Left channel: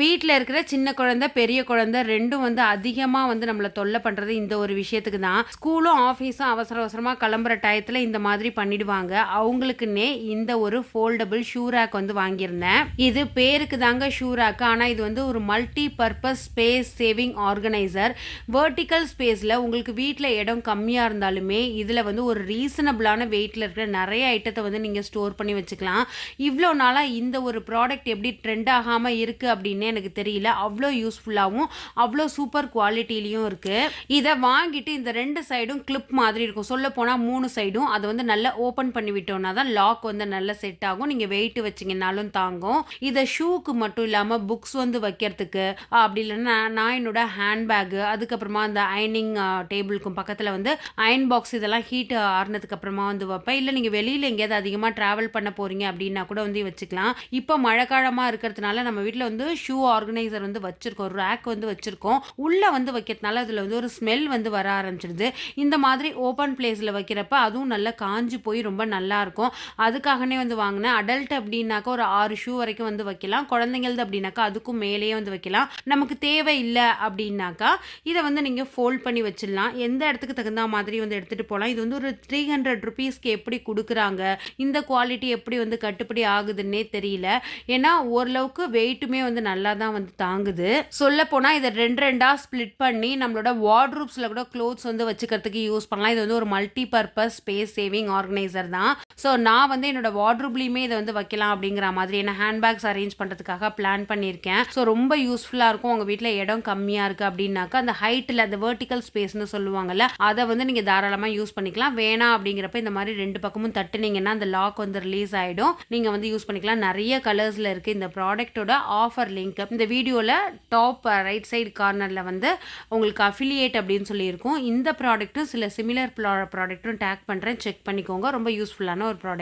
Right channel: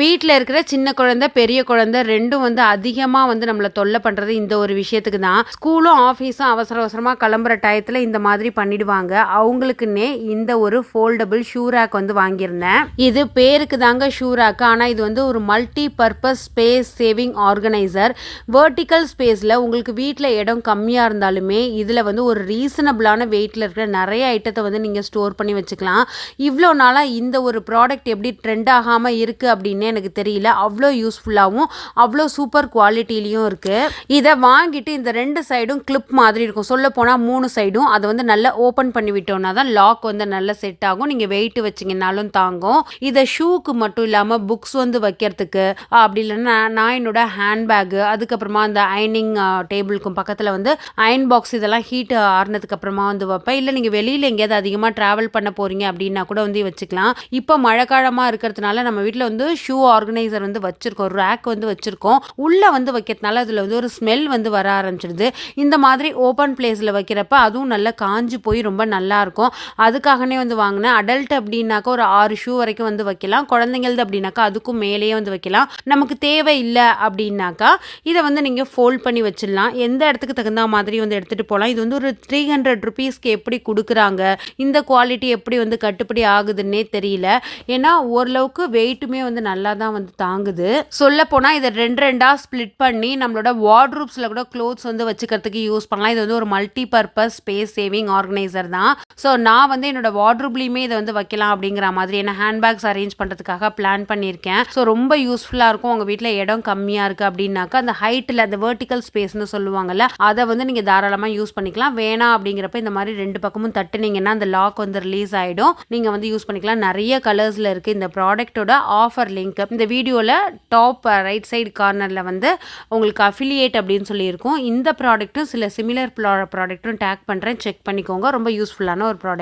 வீட்டில் இருக்கிற சின்ன குழந்தை பெரிய குழந்தை ரெண்டும் வந்து அதிகமாக வந்து நம்மளை தொல்லை பண்ணுறது இந்த ஒரு விஷயத்துக்கு தான். ஸ்கூலும் ஆஃபீஸும் அவசர அவசரமாக கிளம்புற டயத்தில் இந்த மாதிரி பண்ணிடுவாங்க. அவங்களுக்குன்னே இந்த ஒரு ஃபோல்டபுள் ஷூ ரேக் வந்து வாங்கியிருந்தேன். இது பேருக்கு தாங்க ஷூ ரேக் ஆனால் இது வந்து ஒரு multi purpose space saving organiser vertical ஸ்பேஸில் உங்களுக்கு வீட்டில் இடம் கம்மியாக இருந்தாலுமே இதில் வந்து ஒரு ரீசனபிளான வெயிட்டில் இருக்கிற நிறைய ஐட்டத்தை வந்து நீங்கள் ஸ்டோர் பண்ணி வச்சுக்கலாம். இவ்வளோ நாளாக இந்த ஒரு ப்ராடக்ட் எப்படி ட்ரெண்ட் ஆகாமல் இருக்குது அப்படின்னு எனக்கு தெரியல. அவ்வளோ யூஸ்ஃபுல்லாகவும் அவ்வளோ சூப்பர் குவாலிட்டிலையும் இருக்குது இதை வாங்கிட்டு இந்த ரெண்டு சைடும் கிளிப் மாதிரி இருக்கும். சொல்ல போனால் மூணு சைடும் அதை வந்து நல்லா ஓப்பன் பண்ணி விட்டோம்னா தான் லாக் வந்து நல்லா செட் ஆகும். நீங்கள் வெயிட் வச்சிங்கனாலும் தாங்கும். இதை ஷூக்கு மட்டும் இல்லாமல் புக்ஸ் வந்து வைக்கிறதுக்கு அப்படி இல்லைன்னா நான் என்னோட ஹேண்ட்பேக்கு அதுக்கப்புறமா அந்த அயனிங் டேபிளுக்கும் பக்கத்தில் வந்து அயன் பாக்ஸ் இதெல்லாம் ஹீட் ஆறுனதுக்கு அப்புறமா வந்து வைப்பேன். இல்லை நீங்கள் வெளியில் எங்கேயாவது அதிகமாக ட்ராவல் பண்ண போகிறீங்க அப்படின்னா கூட வந்து வச்சுக்கலாம். இப்போ மழைக்காலமாக இருக்கிறதுனால நம்ம வீட்டில் வந்து ஷூ ஆர்கனைசர் வந்து வச்சுருக்கோம் ரேக் வந்து வச்சுருக்கோம். உள்ளே வந்து வைக்கிறதுனால அதில் வந்து ஒரு ஸ்மெல் வந்து வர ஆரம்பிச்சிடுது. இந்த மாதிரி ஓப்பன் பிளேஸில் வைக்கிறப்ப அதுவும் நல்லா காஞ்சி போய் ரொம்ப நல்லாயிருக்கும் அதுக்காகனே வந்து வாங்கினேன். அடல்ட் அப்படின்னாக்கா ஒரு ஆறு ஷூ வரைக்கும் வந்து வைக்கலாம். குழந்தைங்களது அப்படின்னாக்கா அதுக்கும் மேலேயே வந்து வைக்கலாம். நமக்கு தேவை இல்லை அப்படின்னாக்கா இதை வந்து நீங்கள் ஃபோல்ட் பண்ணி வச்சிடலாம். எந்த இடத்துக்கு தகுந்த மாதிரி வந்து எடுத்துகிட்டு போகலாம். இது வந்து ஒரு த்ரீ ஹண்ட்ரட் ருபீஸ்க்கு எப்படி கொடுக்குறாங்க? இந்த குவாலிட்டி எப்படி வந்து கட்டுப்படி ஆகுதுன்னே தெரியல. ஏன்னா ஓரளவுக்கு வெயிட்டுமே வந்து நல்லா தான் வந்து தாங்குது. சொல்ல போனால் இதை ரெண்டு ரெண்டாக ஸ்ப்ளிட் பண்ணி நம்மளோட வார்ட்ரூப்ஸில் கூட க்ளோத்ஸ் வந்து வச்சுக்கிறதுக்கு யூஸ் பண்ணலாம். இது வந்து ஒரு multi purpose space saving organiser தான். ஸோ நான் வந்து என்னோட வார்ட்ரூப்லேயுமே இதை வந்து வைக்கலாம் அப்படிங்கிற மாதிரி என்ன ஹேண்ட்பேக்ஸ் அரேஞ்ச் பண்ணுறதுக்காக பிளான் பண்ணியிருக்கேன். ஸோ ரொம்ப யூஸ்ஃபுல்லாக இருக்கும். உங்கள் வீட்டில் இடம் கம்மியாக இருக்குது அப்படின்னாக்கா அந்த ஹைட்டில் அந்த வேர்ட்டிக்கல் ஸ்பேஸ்னு சொல்லுவாங்கல்ல அதை வந்து நீங்கள் தாராளமாக யூஸ் பண்ணிக்கலாம். வேணாம் அப்படிங்கிறப்ப இந்த மாதிரி ரெண்டு பக்கமும் தட்டுனீங்கன்னா அந்த லாக் வந்து ரிலீஸ் ஆகிடும் நீங்கள் வந்து யூஸ் பண்ணிக்கலாம். நிறைய கலர்ஸில் இருக்குது இந்த ப்ராடக்ட்டோட ஆஃபர் லிங்க் இந்த வீடியோவில் டாப் ரைட் சைடு கார்னரில் வந்து உங்களுக்கு அஃபிலியேட் அப்படின்னு சொல்லியிருக்கோம். இந்த ப்ராடக்ட்டும் சில சிமிலர் ப்ரா ப்ராடக்ட்டும் டேக் பண்ணுறேன் செக் பண்ணிக்கோங்க. ரொம்ப யூஸ்ஃபுல்லான ஒரு ப்ராடக்ட்